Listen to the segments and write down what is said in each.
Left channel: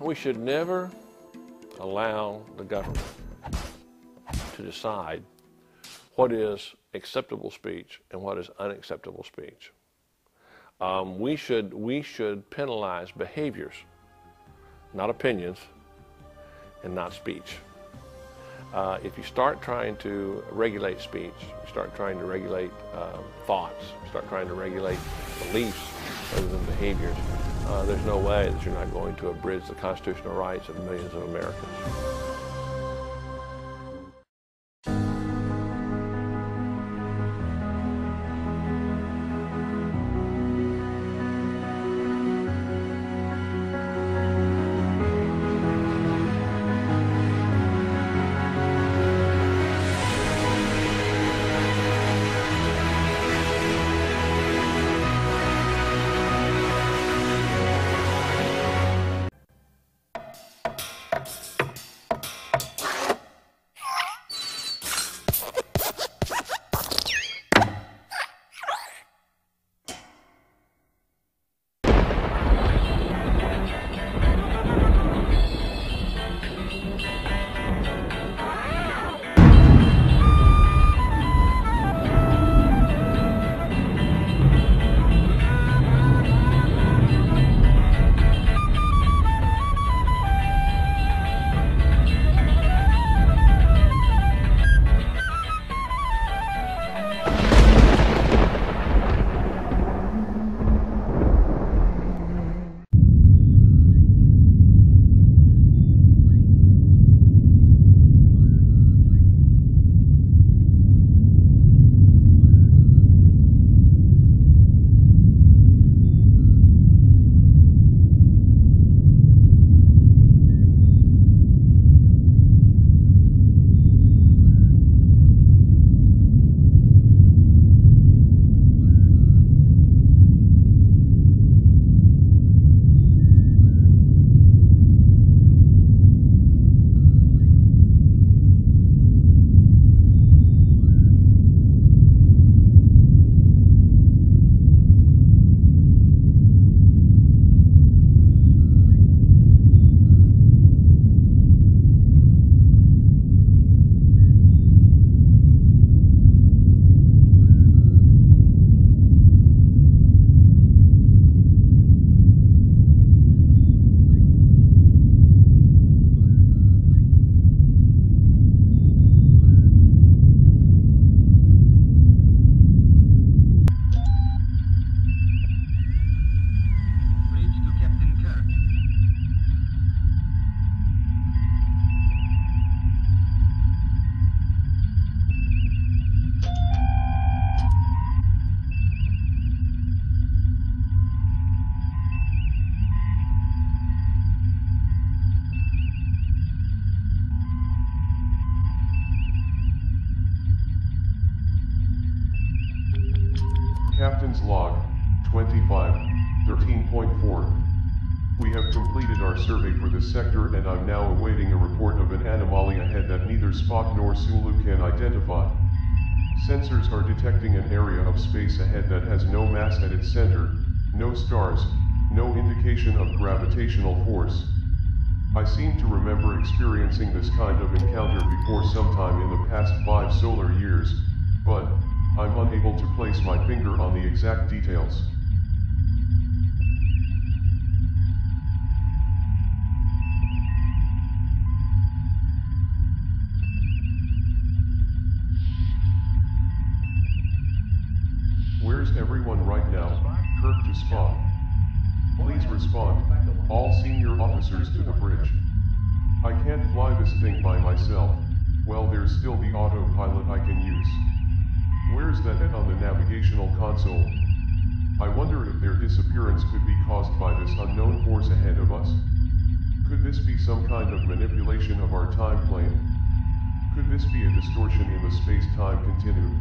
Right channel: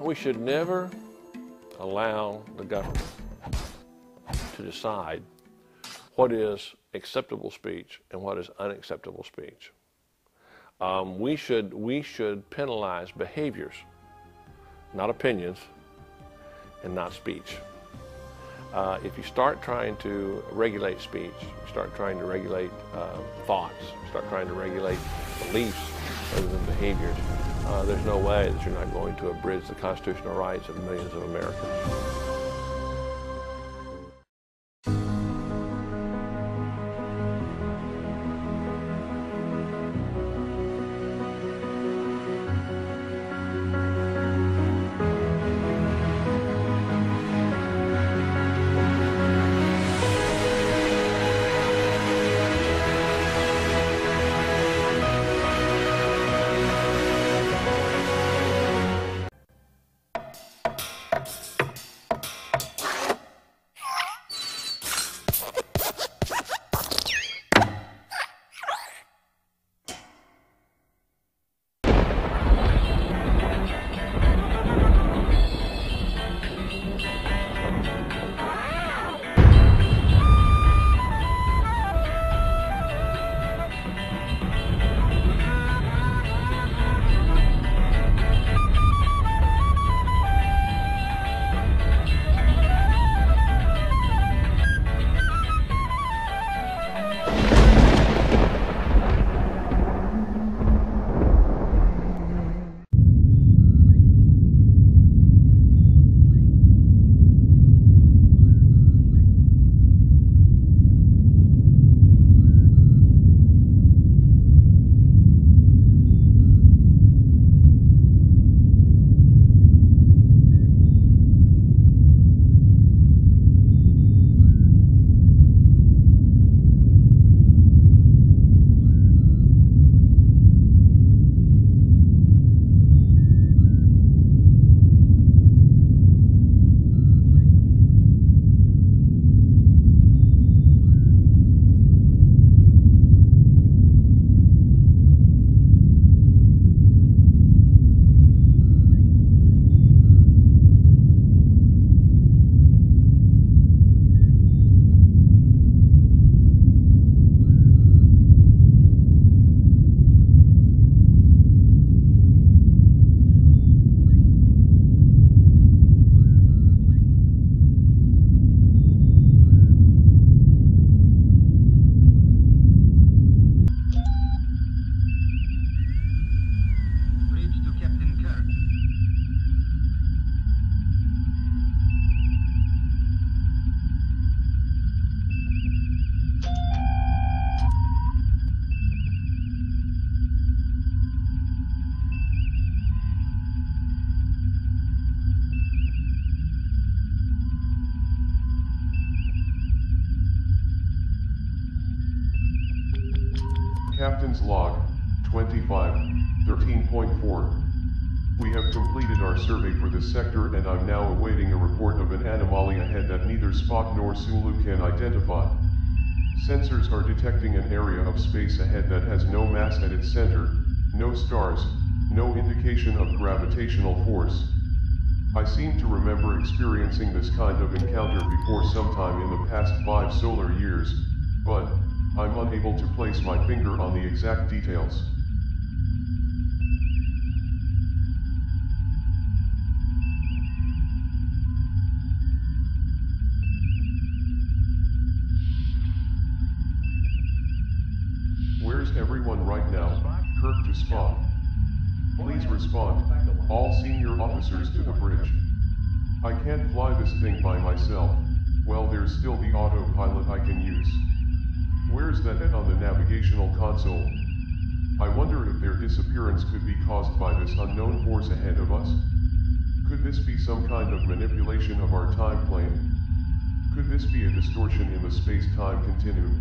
We should never allow the government to decide what is acceptable speech and what is unacceptable speech. We should penalize behaviors, not opinions, and not speech. If you start trying to regulate speech, you start trying to regulate thoughts, start trying to regulate beliefs rather than behaviors, there's no way that you're not going to abridge the constitutional rights of millions of Americans. Captain's Log, 25, 13.4. We have completed our survey for this sector and I'm now awaiting a report of an anomaly ahead that neither Spock nor Sulu can identify. Sensors are detecting an area of space ahead that has no mass at its center, no stars, no indication of gravitational force. I seem to remember experiencing this kind of encounter before sometime in the past 5 solar years, but I'm unable to place my finger on the exact details. Where's everyone right now? Kirk to Spock. Please respond, all senior officers to the bridge. I can't fly this thing by myself. Well, there's still the autopilot I can use. Where's that on the navigational console? I wonder if their disappearance could be caused by this unknown force ahead of us? Could this be some kind of manipulation of our time plane? Could this be a distortion in the space-time continuum?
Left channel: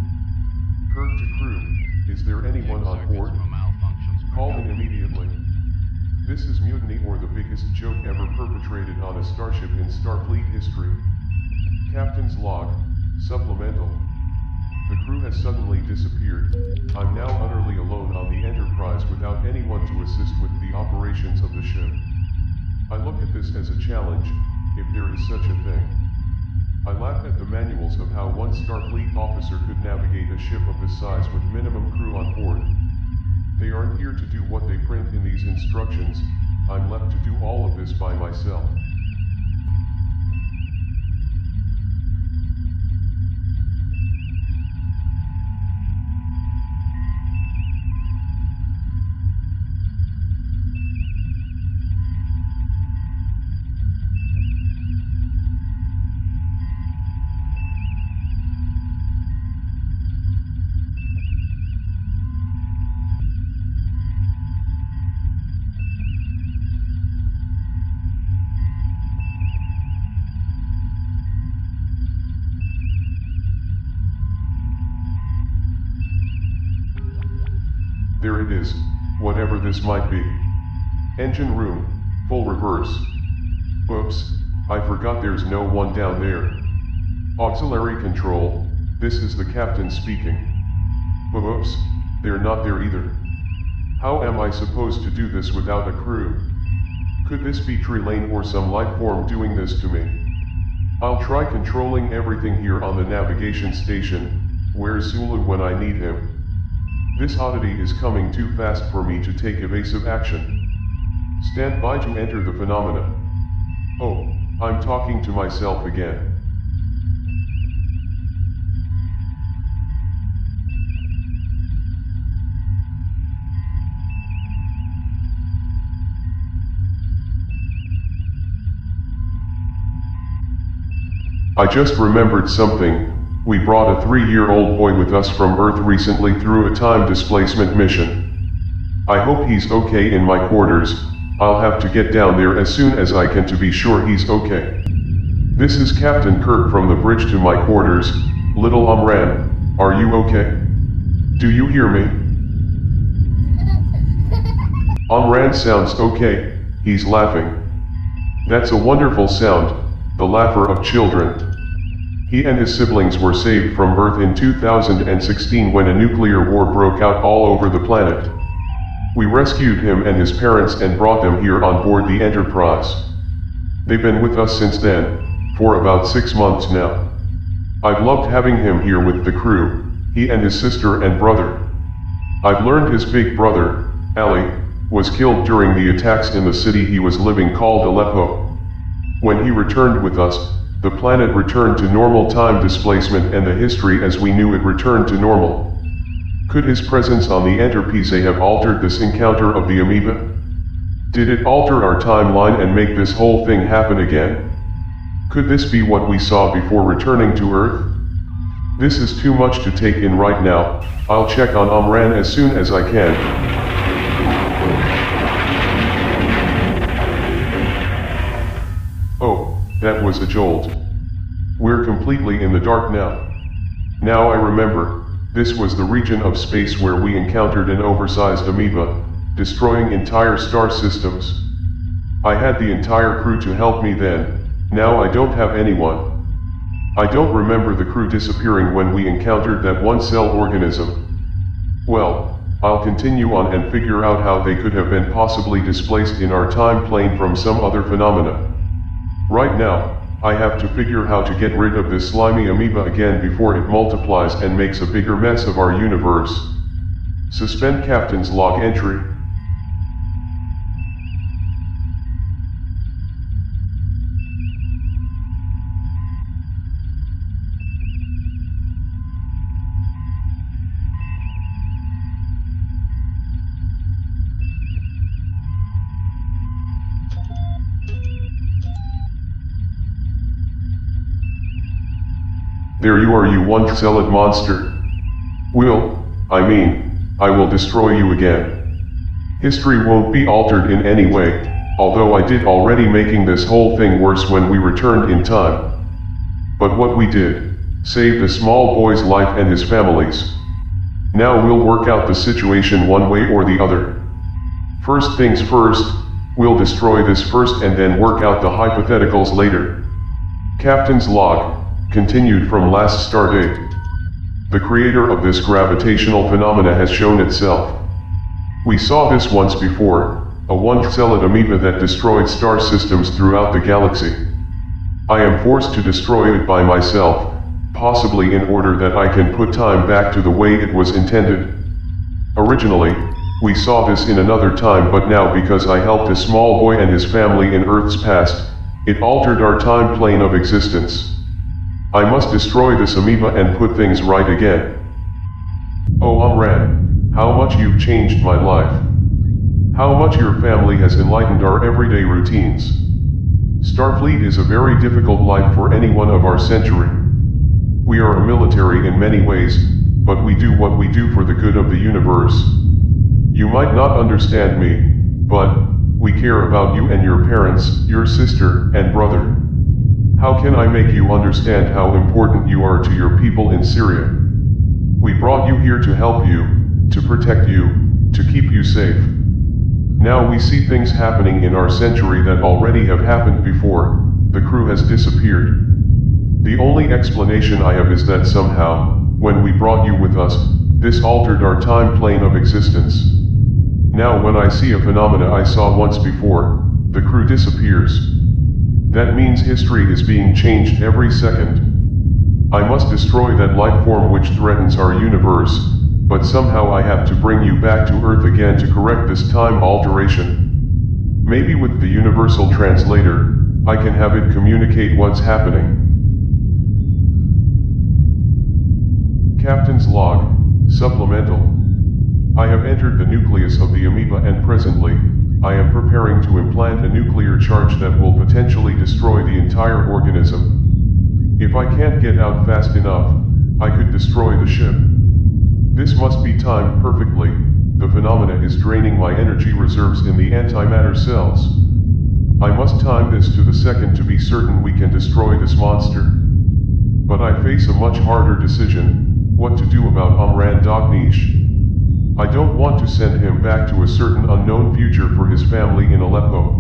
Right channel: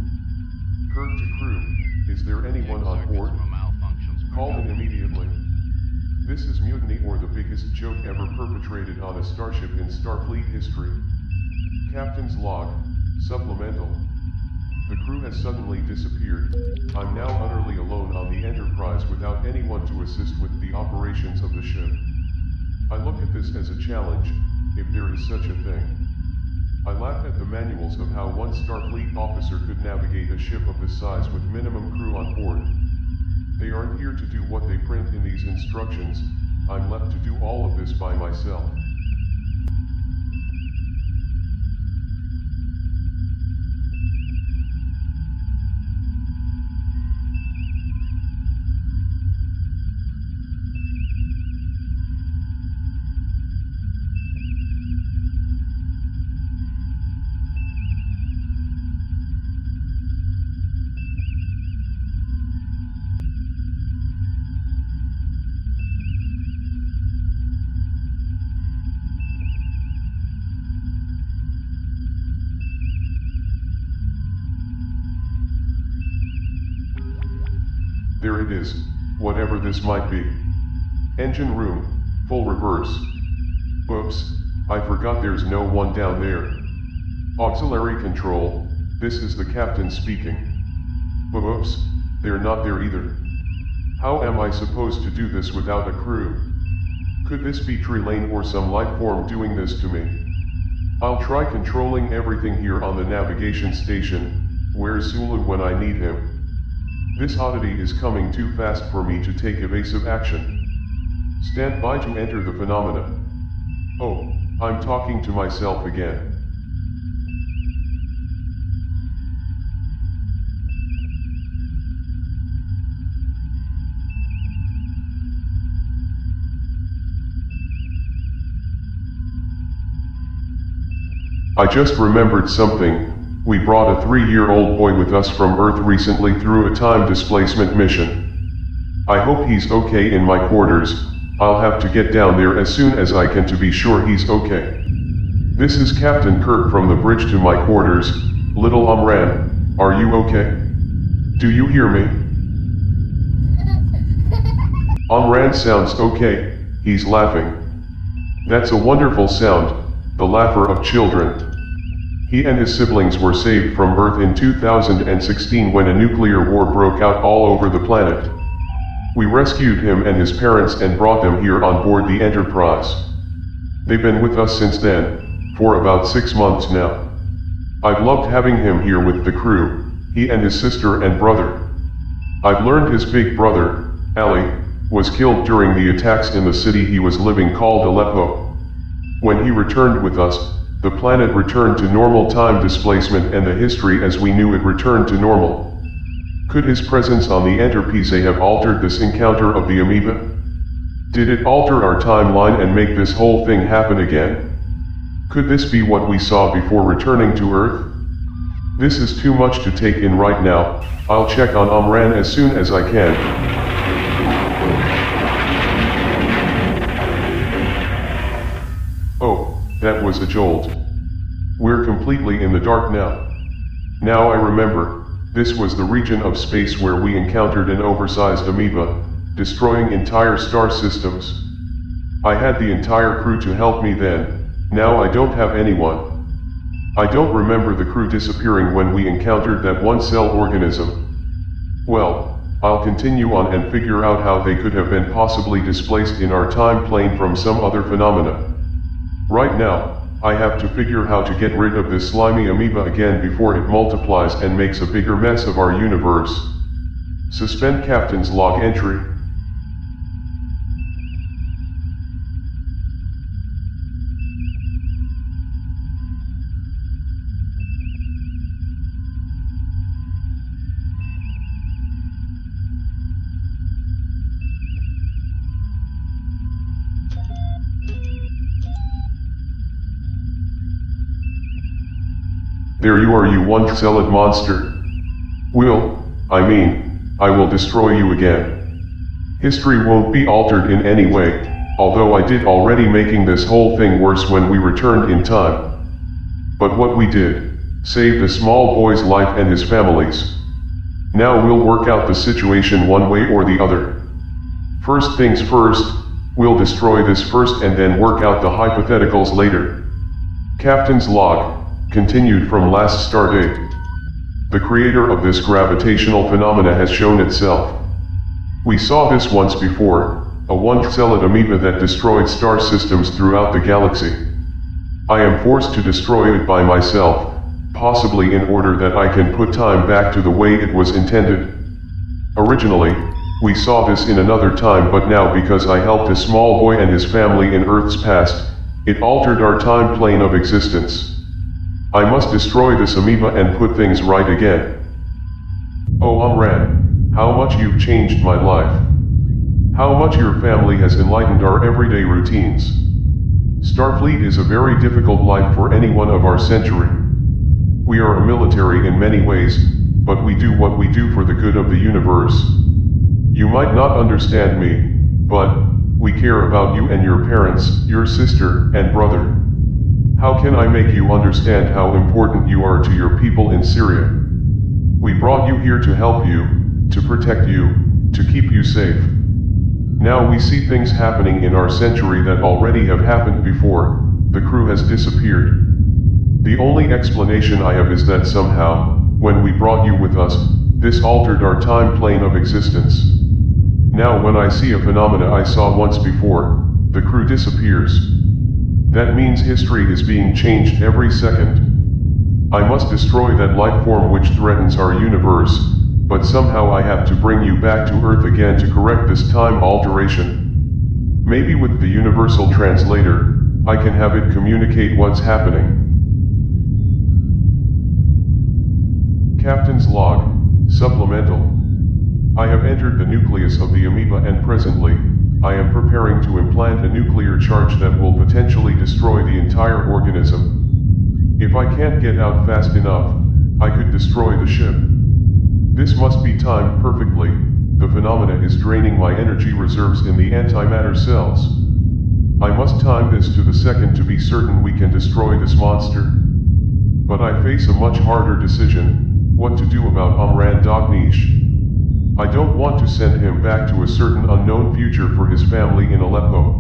Kirk to crew, is there anyone on board? Call in immediately. This is mutiny or the biggest joke ever perpetrated on a starship in Starfleet history. Captain's Log, Supplemental. The crew has suddenly disappeared. I'm now utterly alone on the Enterprise without anyone to assist with the operations of the ship. I look at this as a challenge, if there is such a thing. I laugh at the manuals of how one Starfleet officer could navigate a ship of this size with minimum crew on board. They aren't here to do what they print in these instructions. I'm left to do all of this by myself. There it is, whatever this might be. Engine room, full reverse. Oops, I forgot there's no one down there. Auxiliary control, this is the captain speaking. Oops, they're not there either. How am I supposed to do this without a crew? Could this be Trelane or some life form doing this to me? I'll try controlling everything here on the navigation station. Where's Sulu when I need him? This oddity is coming too fast for me to take evasive action. Stand by to enter the phenomena. Oh, I'm talking to myself again. I just remembered something. We brought a 3-year-old boy with us from Earth recently through a time displacement mission. I hope he's okay in my quarters. I'll have to get down there as soon as I can to be sure he's okay. This is Captain Kirk from the bridge to my quarters. Little Amran, are you okay? Do you hear me? Amran sounds okay, he's laughing. That's a wonderful sound, the laughter of children. He and his siblings were saved from Earth in 2016 when a nuclear war broke out all over the planet. We rescued him and his parents and brought them here on board the Enterprise. They've been with us since then, for about 6 months now. I've loved having him here with the crew, he and his sister and brother. I've learned his big brother, Ali, was killed during the attacks in the city he was living called Aleppo. When he returned with us, the planet returned to normal time displacement and the history as we knew it returned to normal. Could his presence on the Enterprise have altered this encounter of the amoeba? Did it alter our timeline and make this whole thing happen again? Could this be what we saw before returning to Earth? This is too much to take in right now. I'll check on Amran as soon as I can. Oh. That was a jolt. We're completely in the dark now. Now I remember, this was the region of space where we encountered an oversized amoeba, destroying entire star systems. I had the entire crew to help me then, now I don't have anyone. I don't remember the crew disappearing when we encountered that one-cell organism. Well, I'll continue on and figure out how they could have been possibly displaced in our time plane from some other phenomena. Right now, I have to figure how to get rid of this slimy amoeba again before it multiplies and makes a bigger mess of our universe. Suspend Captain's log entry. There you are, you one-celled monster. I will destroy you again. History won't be altered in any way, although I did already making this whole thing worse when we returned in time. But what we did, saved a small boy's life and his family's. Now we'll work out the situation one way or the other. First things first, we'll destroy this first and then work out the hypotheticals later. Captain's log. Continued from last stardate. The creator of this gravitational phenomena has shown itself. We saw this once before, a one-celled amoeba that destroyed star systems throughout the galaxy. I am forced to destroy it by myself, possibly in order that I can put time back to the way it was intended. Originally, we saw this in another time, but now because I helped a small boy and his family in Earth's past, it altered our time plane of existence. I must destroy this amoeba and put things right again. Oh Amran, how much you've changed my life. How much your family has enlightened our everyday routines. Starfleet is a very difficult life for anyone of our century. We are a military in many ways, but we do what we do for the good of the universe. You might not understand me, but we care about you and your parents, your sister and brother. How can I make you understand how important you are to your people in Syria? We brought you here to help you, to protect you, to keep you safe. Now we see things happening in our century that already have happened before. The crew has disappeared. The only explanation I have is that somehow, when we brought you with us, this altered our time plane of existence. Now when I see a phenomena I saw once before, the crew disappears. That means history is being changed every second. I must destroy that life form which threatens our universe, but somehow I have to bring you back to Earth again to correct this time alteration. Maybe with the universal translator, I can have it communicate what's happening. Captain's log, supplemental. I have entered the nucleus of the amoeba and presently, I am preparing to implant a nuclear charge that will potentially destroy the entire organism. If I can't get out fast enough, I could destroy the ship. This must be timed perfectly. The phenomena is draining my energy reserves in the antimatter cells. I must time this to the second to be certain we can destroy this monster. But I face a much harder decision, what to do about Amran Dognish. I don't want to send him back to a certain unknown future for his family in Aleppo.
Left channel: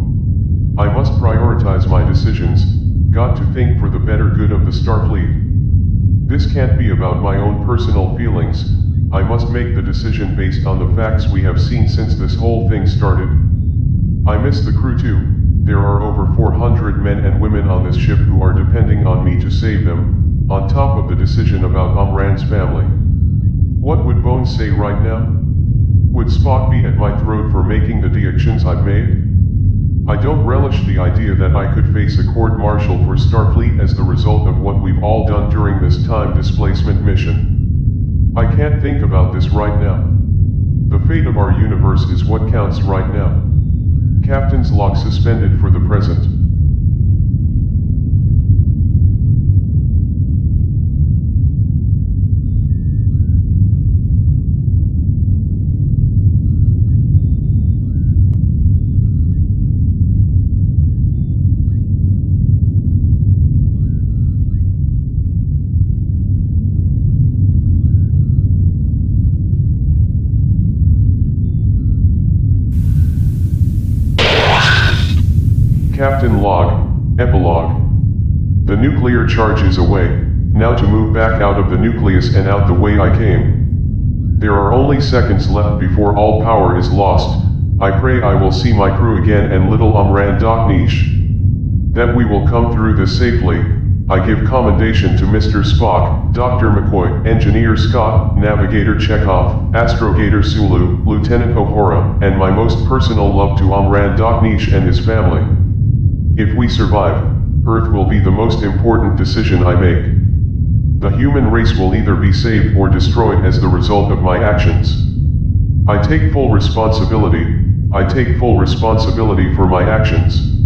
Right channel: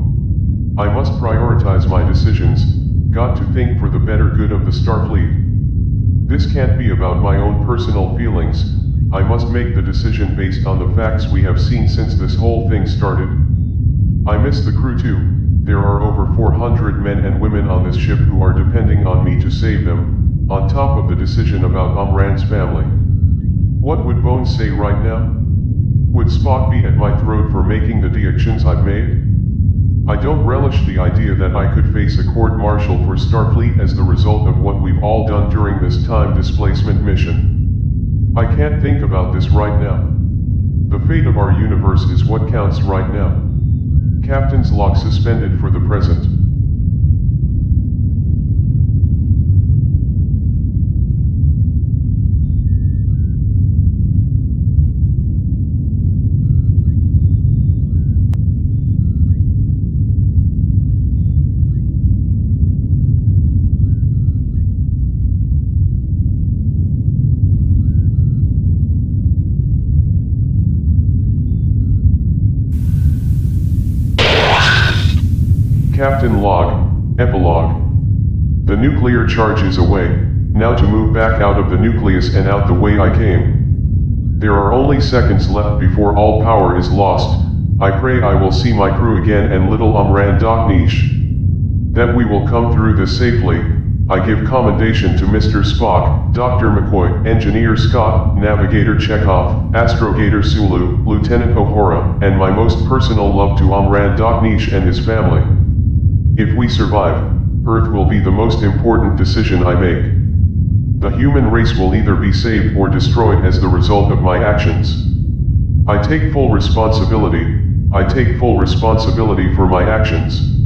I must prioritize my decisions, got to think for the better good of the Starfleet. This can't be about my own personal feelings, I must make the decision based on the facts we have seen since this whole thing started. I miss the crew too, there are over 400 men and women on this ship who are depending on me to save them, on top of the decision about Amran's family. What would Bones say right now? Would Spock be at my throat for making the actions I've made? I don't relish the idea that I could face a court-martial for Starfleet as the result of what we've all done during this time displacement mission. I can't think about this right now. The fate of our universe is what counts right now. Captain's log suspended for the present. Captain log, epilogue. The nuclear charge is away, now to move back out of the nucleus and out the way I came. There are only seconds left before all power is lost. I pray I will see my crew again and little Amran Dognish. That we will come through this safely. I give commendation to Mr. Spock, Dr. McCoy, Engineer Scott, Navigator Chekhov, Astrogator Sulu, Lieutenant O'Hara, and my most personal love to Amran Dognish and his family. If we survive, Earth will be the most important decision I make. The human race will either be saved or destroyed as the result of my actions. I take full responsibility. I take full responsibility for my actions.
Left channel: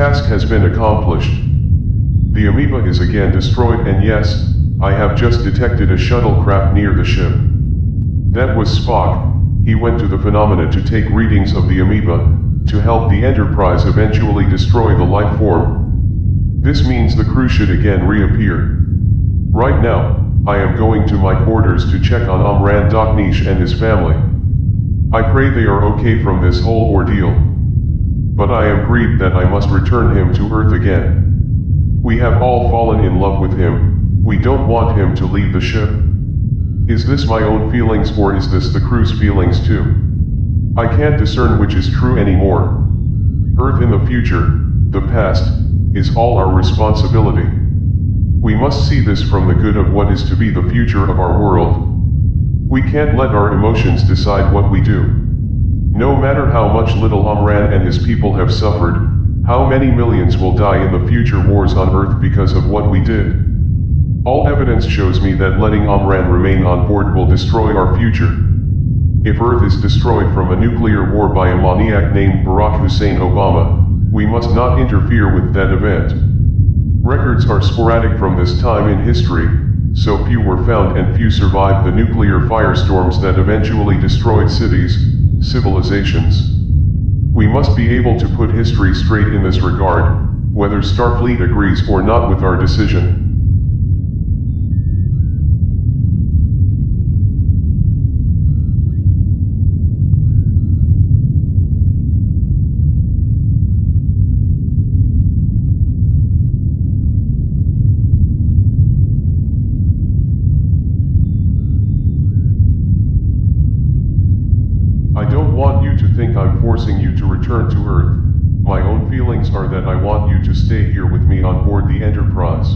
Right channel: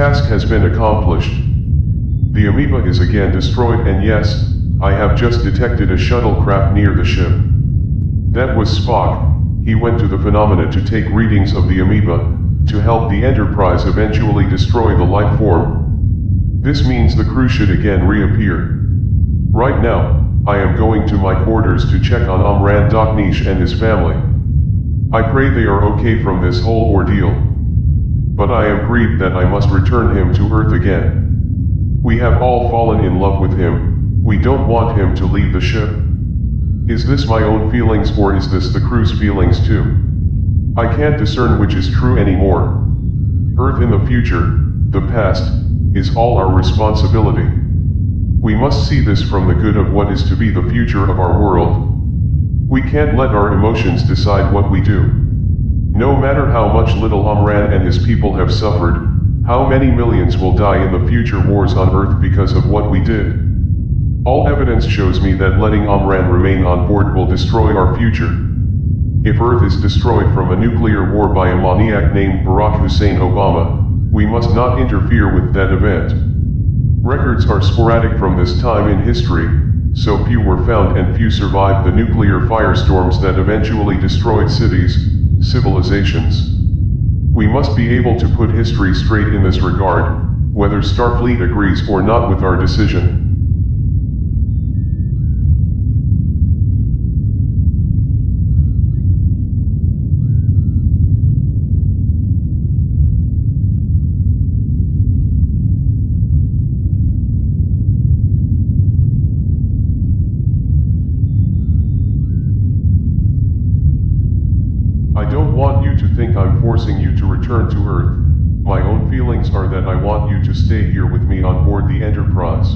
Task has been accomplished. The amoeba is again destroyed and yes, I have just detected a shuttlecraft near the ship. That was Spock. He went to the phenomena to take readings of the amoeba, to help the Enterprise eventually destroy the life form. This means the crew should again reappear. Right now, I am going to my quarters to check on Amran Daknish and his family. I pray they are okay from this whole ordeal. But I am grieved that I must return him to Earth again. We have all fallen in love with him, we don't want him to leave the ship. Is this my own feelings or is this the crew's feelings too? I can't discern which is true anymore. Earth in the future, the past, is all our responsibility. We must see this from the good of what is to be the future of our world. We can't let our emotions decide what we do. No matter how much little Amran and his people have suffered, how many millions will die in the future wars on Earth because of what we did? All evidence shows me that letting Amran remain on board will destroy our future. If Earth is destroyed from a nuclear war by a maniac named Barack Hussein Obama, we must not interfere with that event. Records are sporadic from this time in history, so few were found and few survived the nuclear firestorms that eventually destroyed cities, civilizations. We must be able to put history straight in this regard, whether Starfleet agrees or not with our decision. I don't want you to think I'm forcing you to return to Earth. My own feelings are that I want you to stay here with me on board the Enterprise.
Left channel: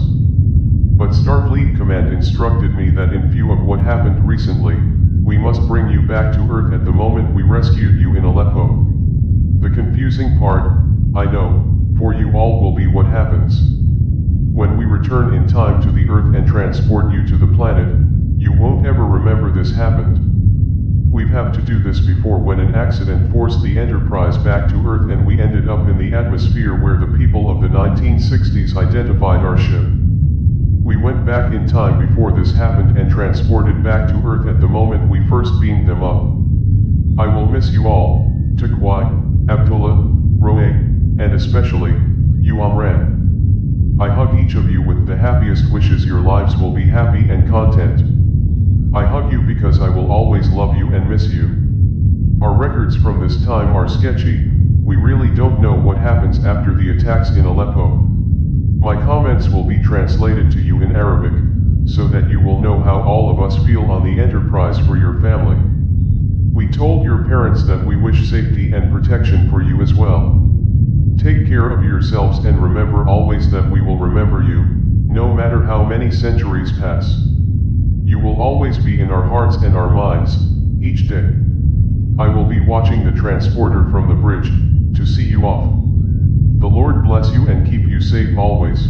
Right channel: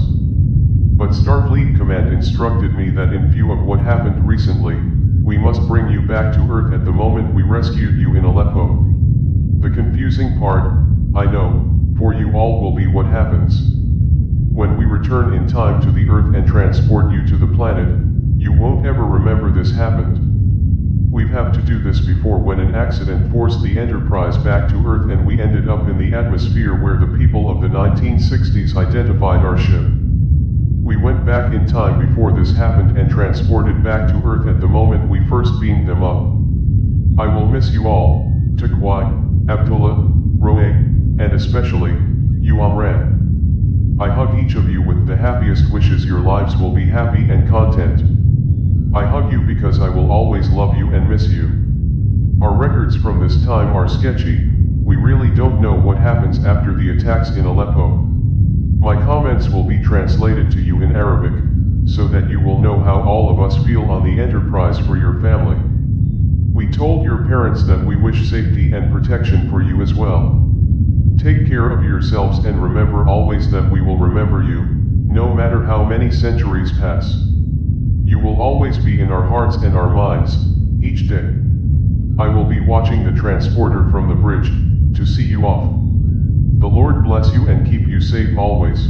But Starfleet Command instructed me that in view of what happened recently, we must bring you back to Earth at the moment we rescued you in Aleppo. The confusing part, I know, for you all will be what happens. When we return in time to the Earth and transport you to the planet, you won't ever remember this happened. We've have to do this before when an accident forced the Enterprise back to Earth and we ended up in the atmosphere where the people of the 1960s identified our ship. We went back in time before this happened and transported back to Earth at the moment we first beamed them up. I will miss you all, Takwai, Abdullah, Roe, and especially, you Amran. I hug each of you with the happiest wishes your lives will be happy and content. I hug you because I will always love you and miss you. Our records from this time are sketchy, we really don't know what happens after the attacks in Aleppo. My comments will be translated to you in Arabic, so that you will know how all of us feel on the Enterprise for your family. We told your parents that we wish safety and protection for you as well. Take care of yourselves and remember always that we will remember you, no matter how many centuries pass. You will always be in our hearts and our minds, each day. I will be watching the transporter from the bridge, to see you off. The Lord bless you and keep you safe always.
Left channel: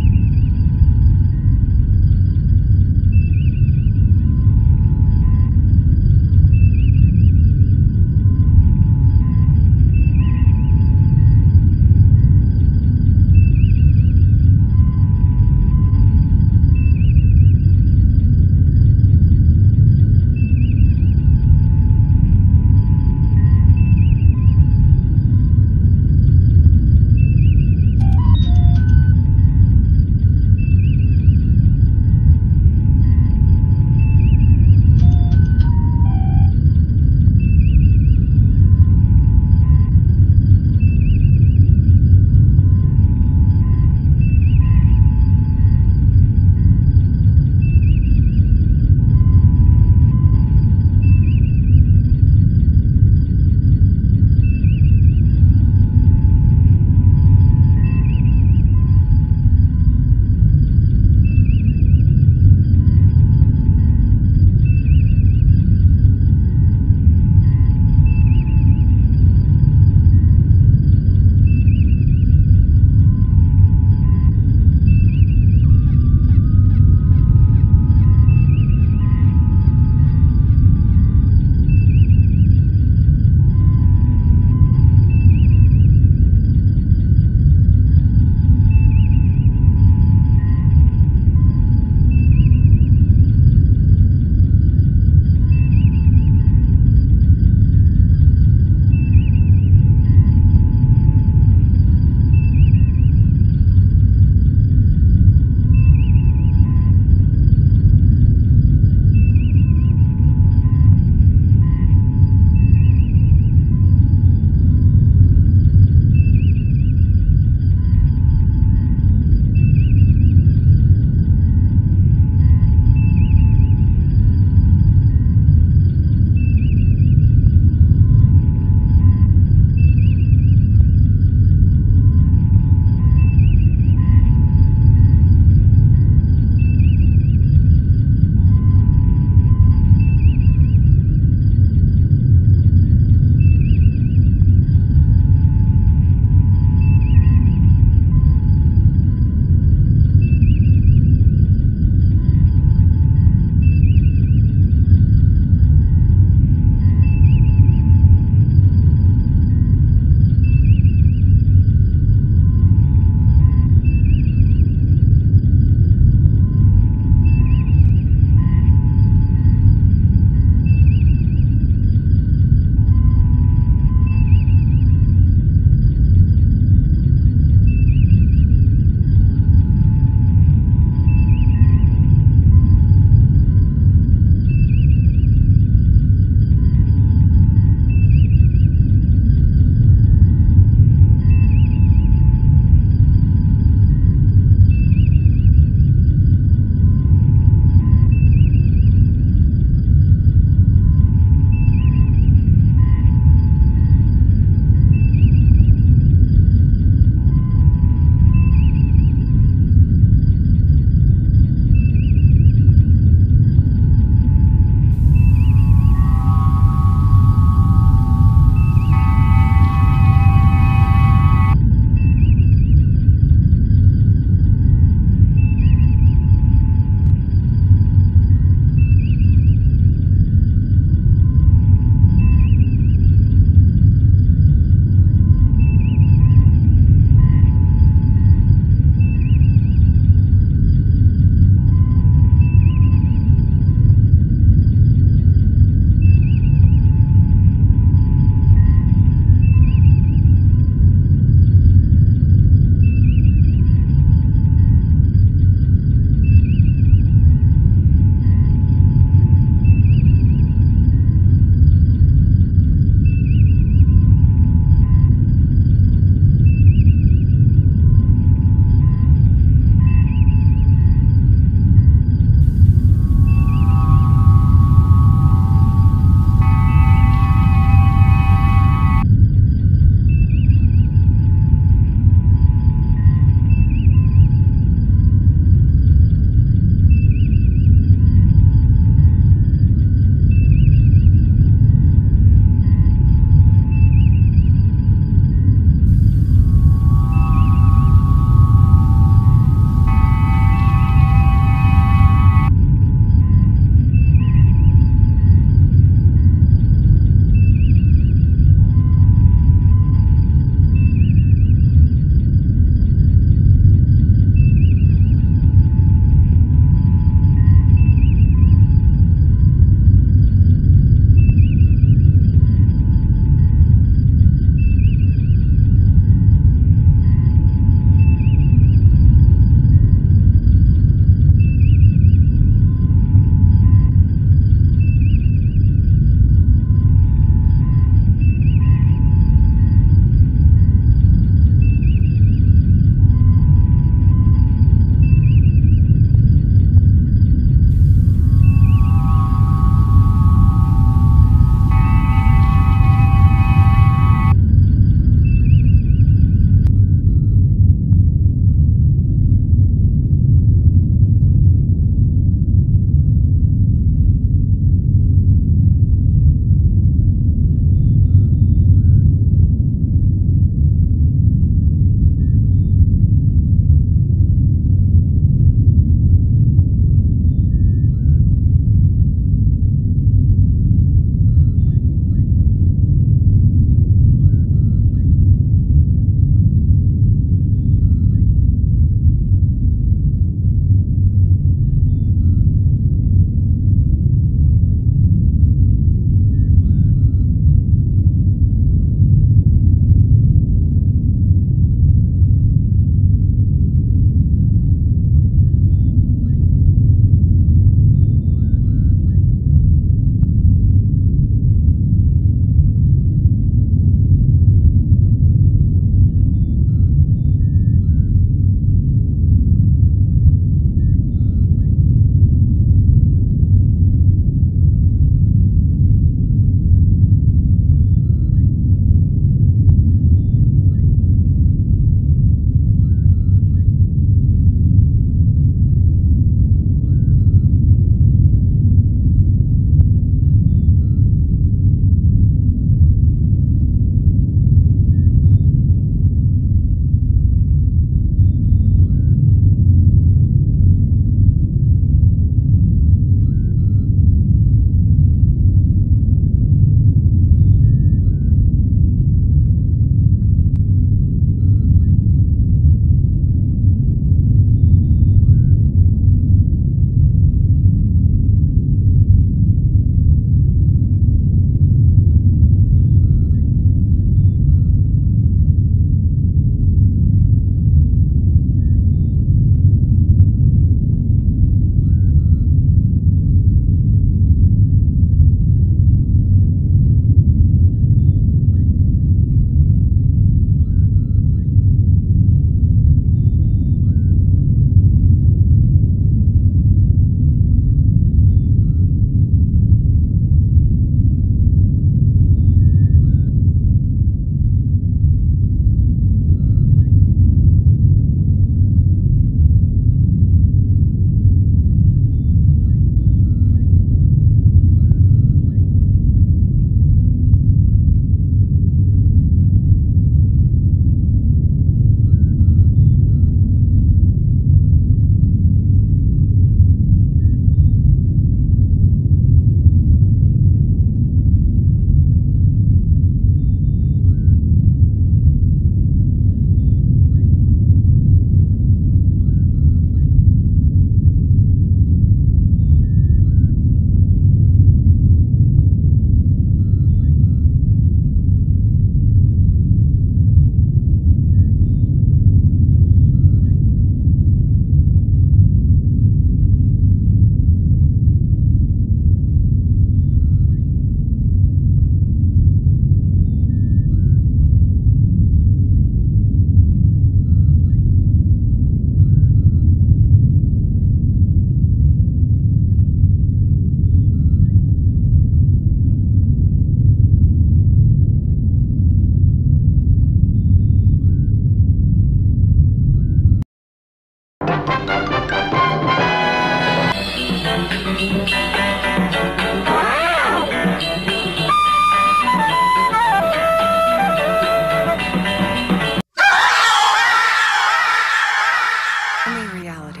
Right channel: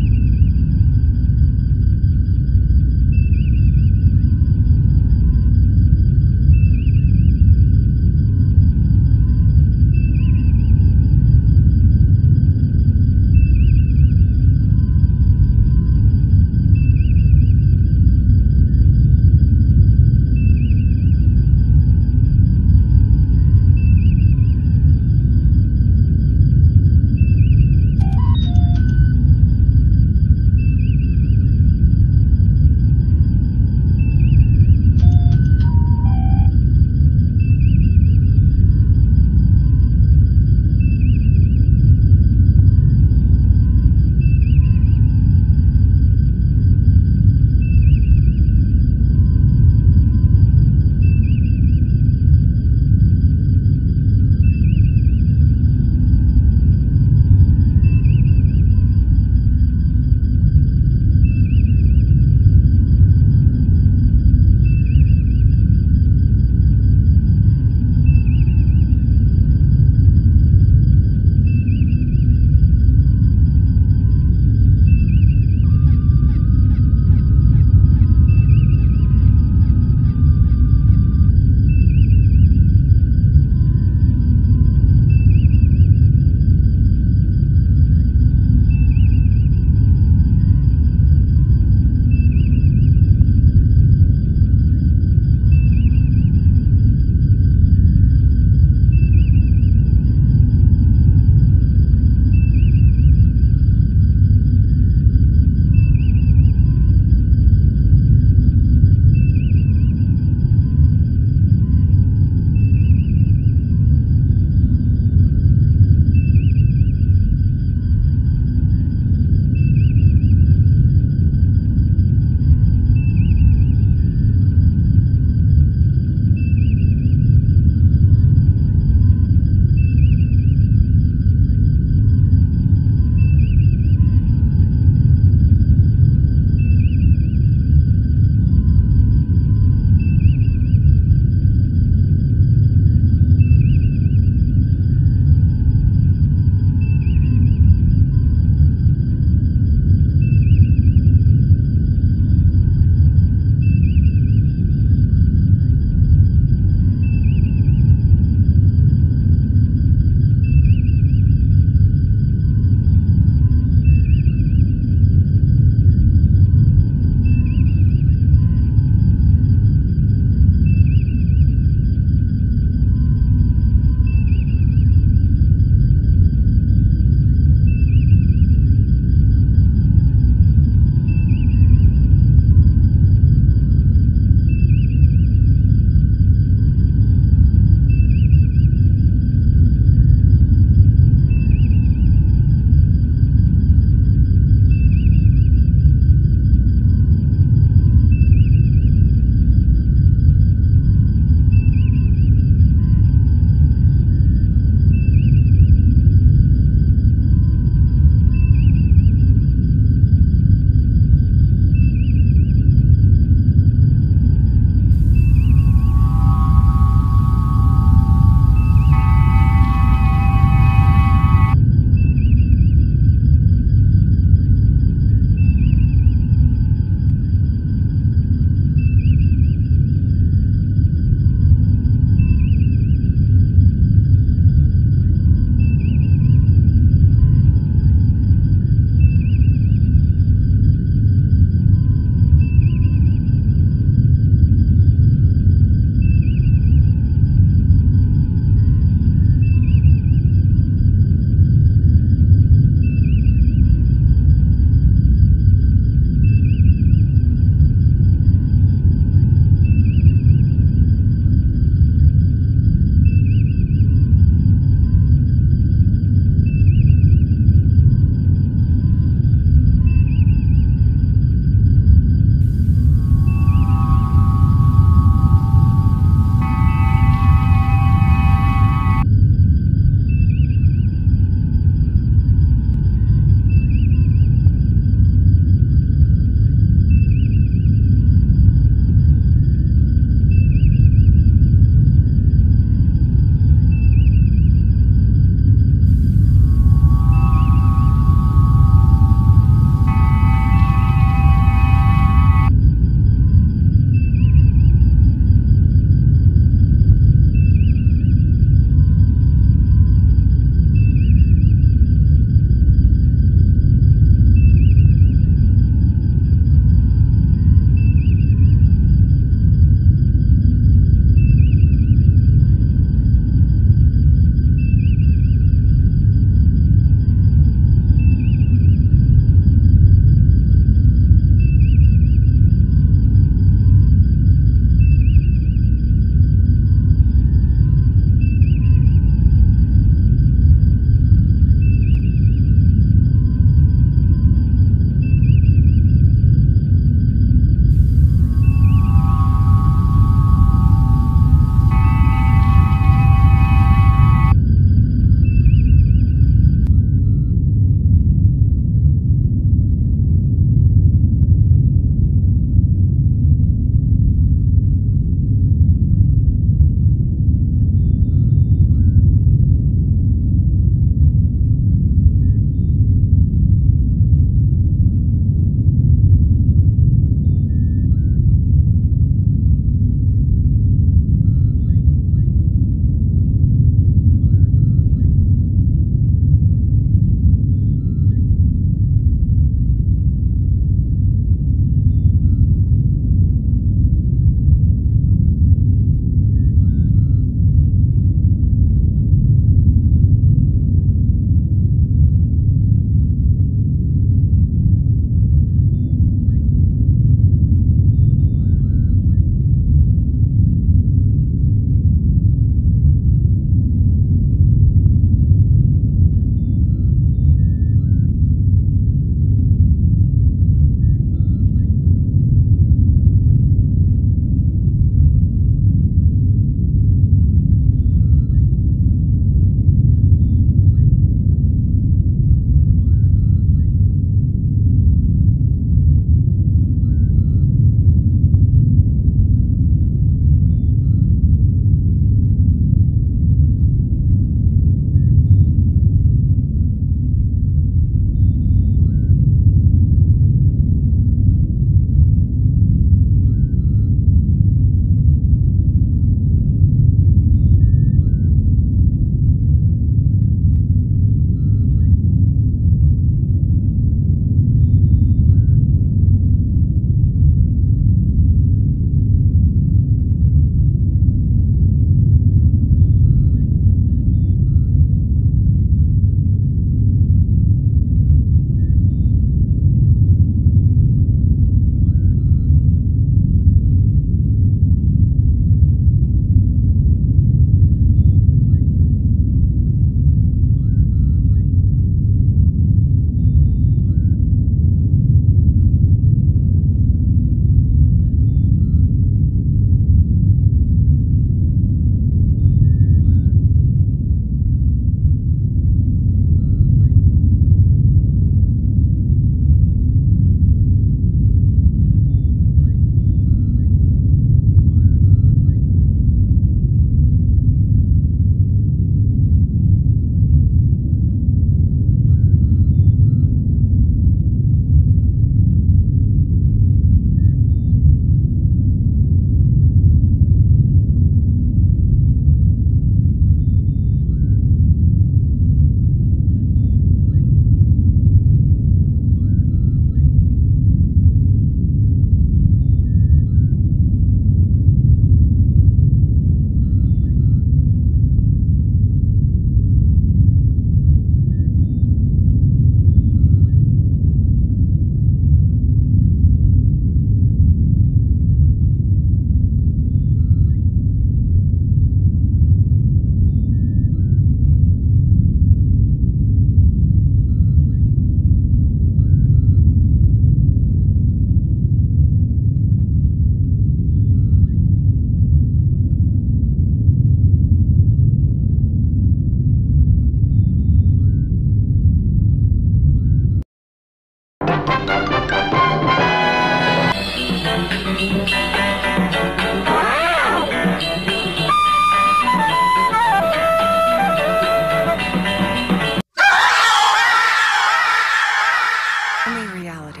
Only reality.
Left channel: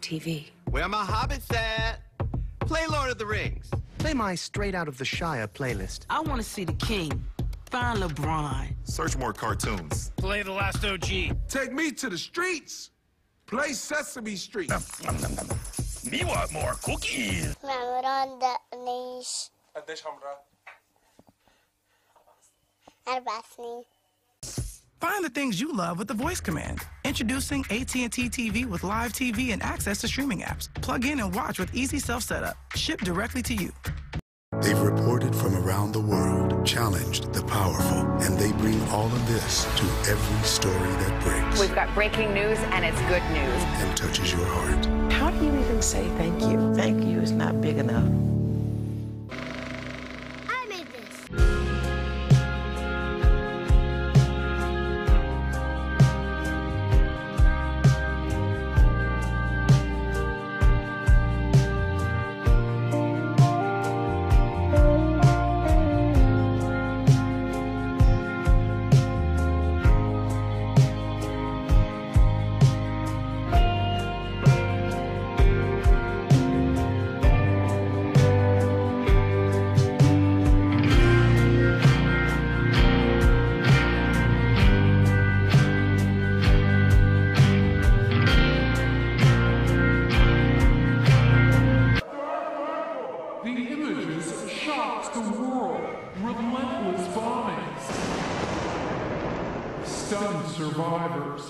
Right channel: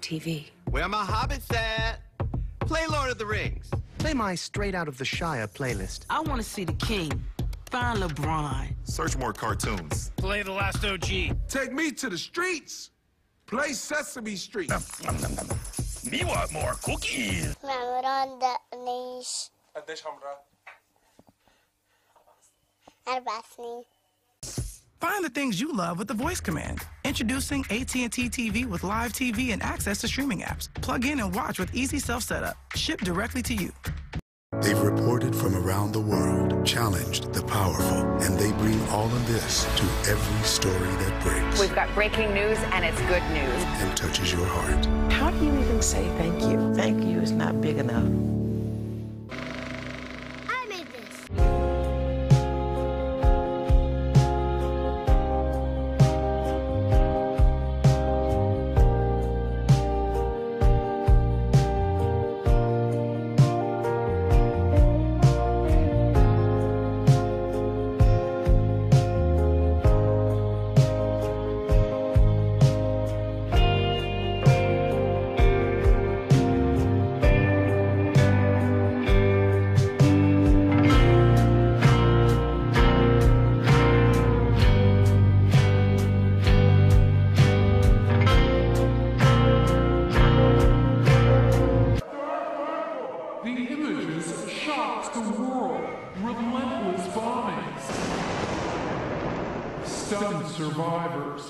TV. Where my hobbits at? Play Lord of the Rings. Play my Straight Out of the Shire playlist. I want to see the king. Find LeBron. Search more cartoons. Play The Last OG. Take me to the streets. Play Sesame Street. Me want more cookies. Find the things you love with the voice command. Introducing AT&T TV with live TV and access to streaming apps. Plug in and watch with easy self-setup. Shipped directly to you. They've reported from around the world, challenged the powerful, and they bring all of this to every story that breaks. We've got breaking news, and it's good news. And touches your heart. How do you even say thank you? Thank you is not big enough. I made this. Stunned survivors.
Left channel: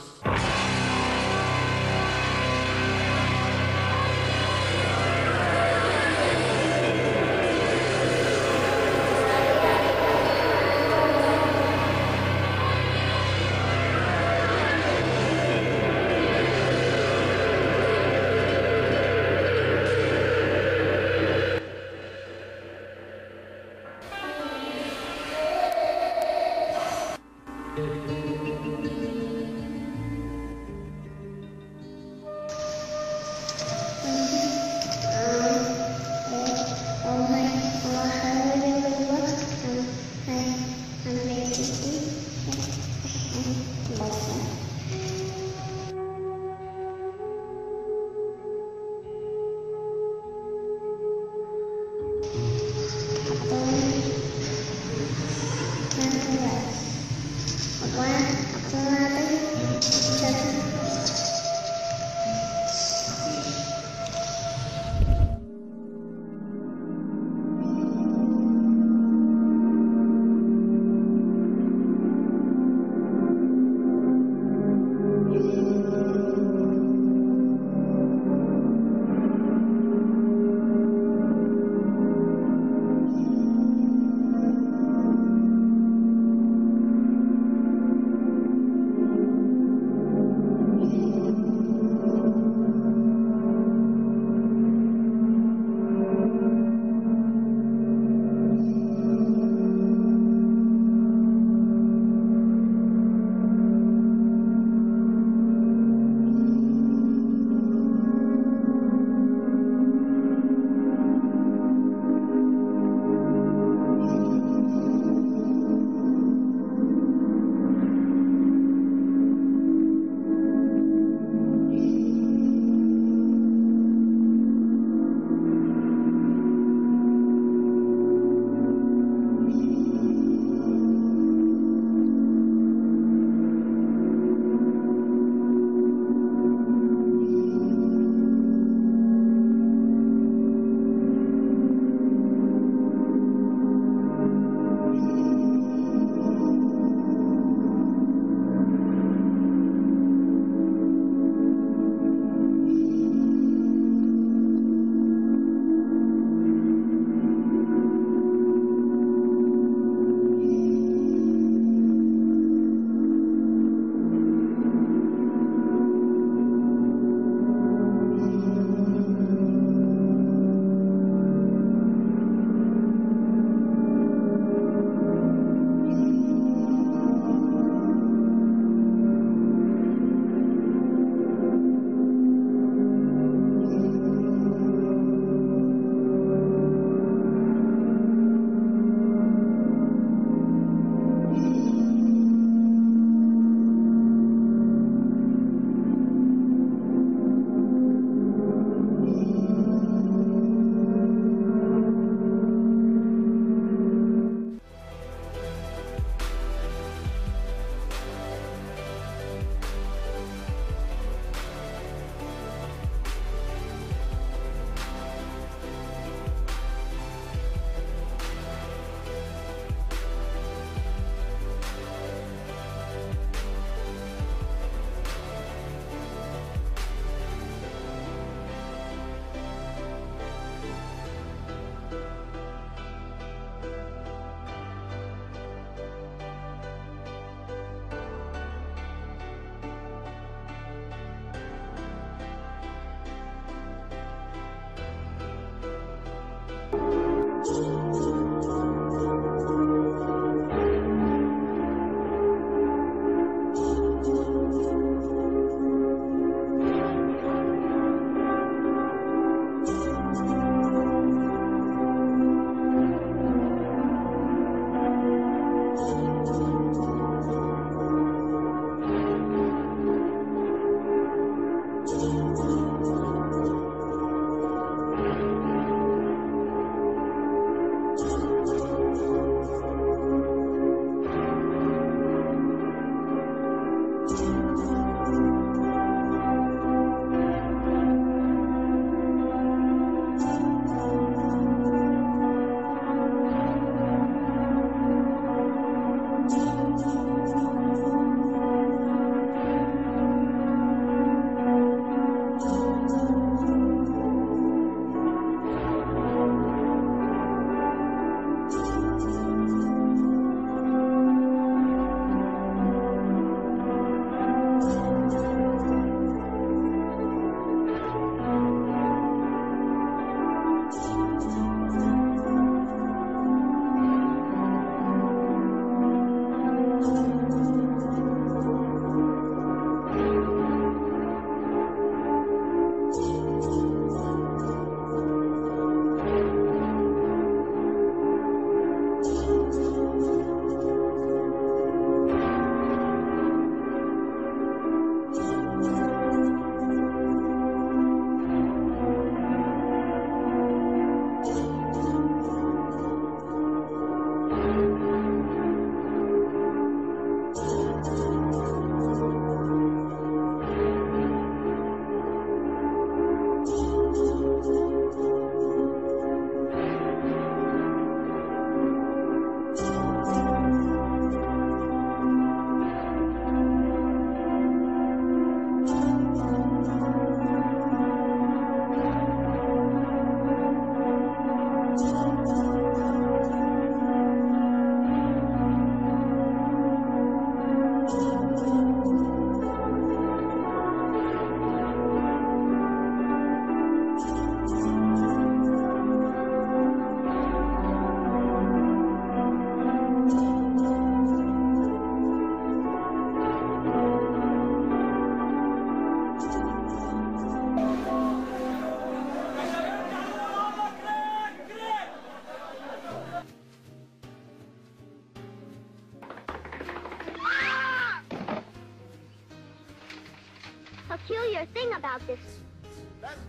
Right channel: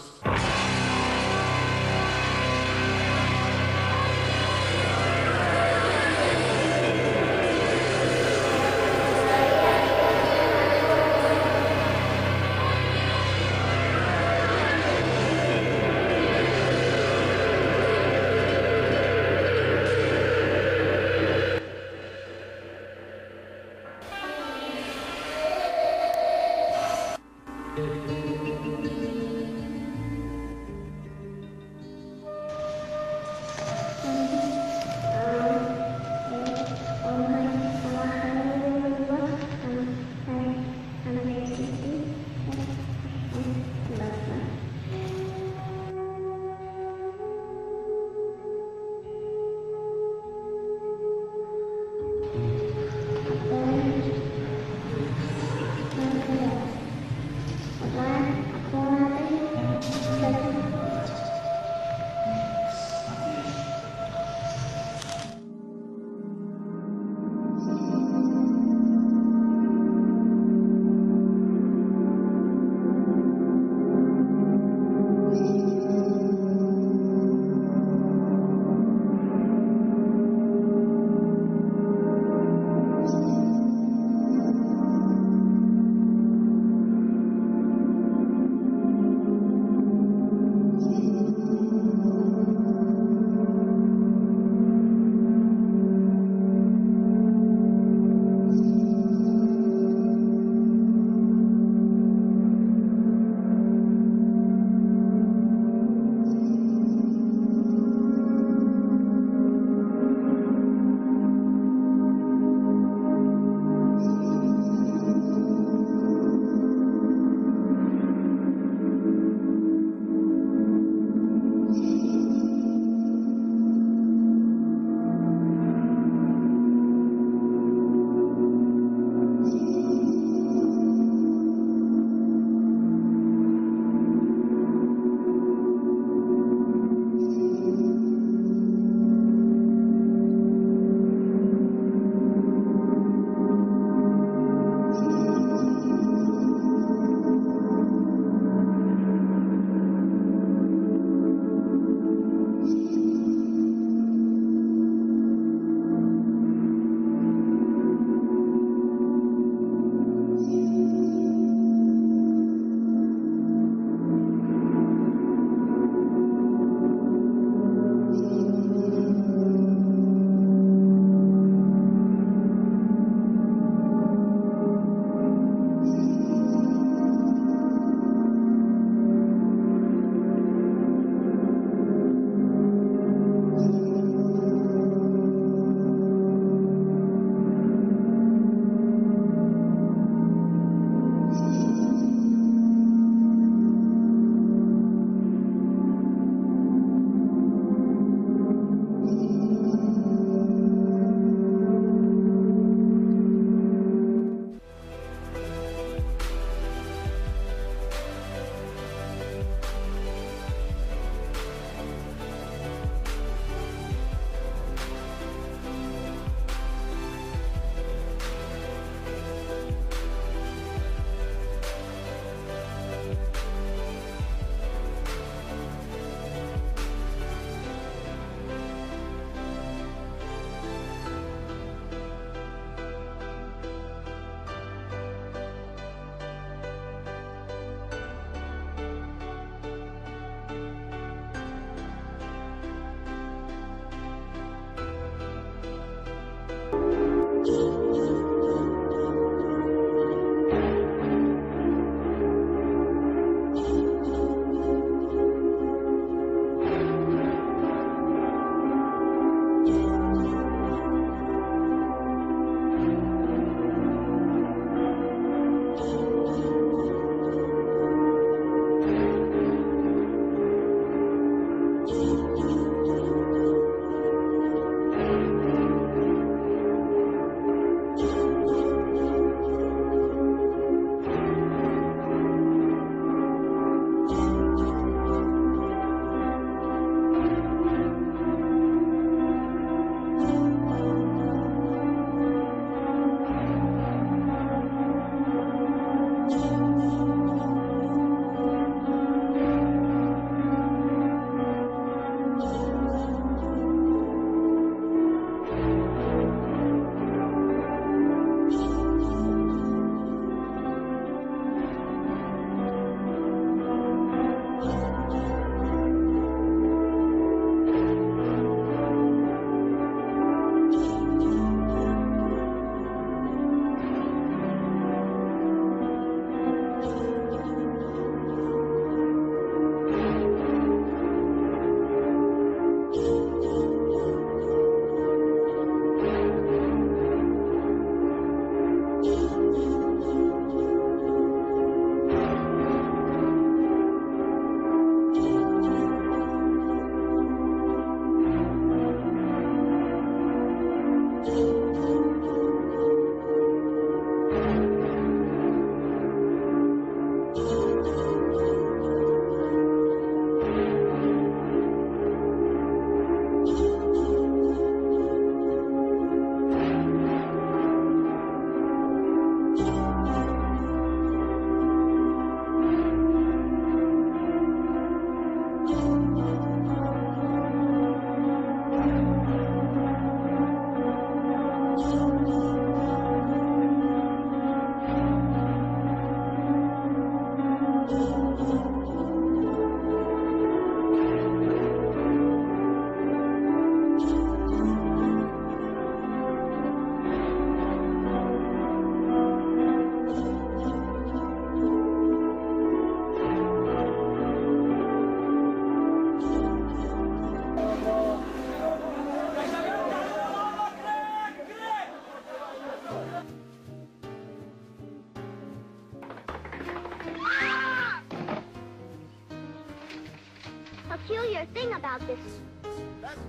a thing about this.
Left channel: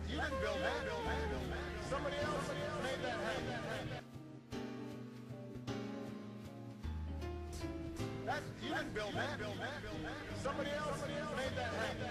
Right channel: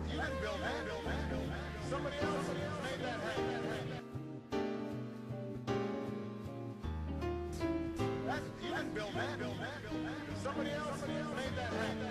You didn't build that. Somebody else made that happen. You didn't build that. Somebody else made that happen.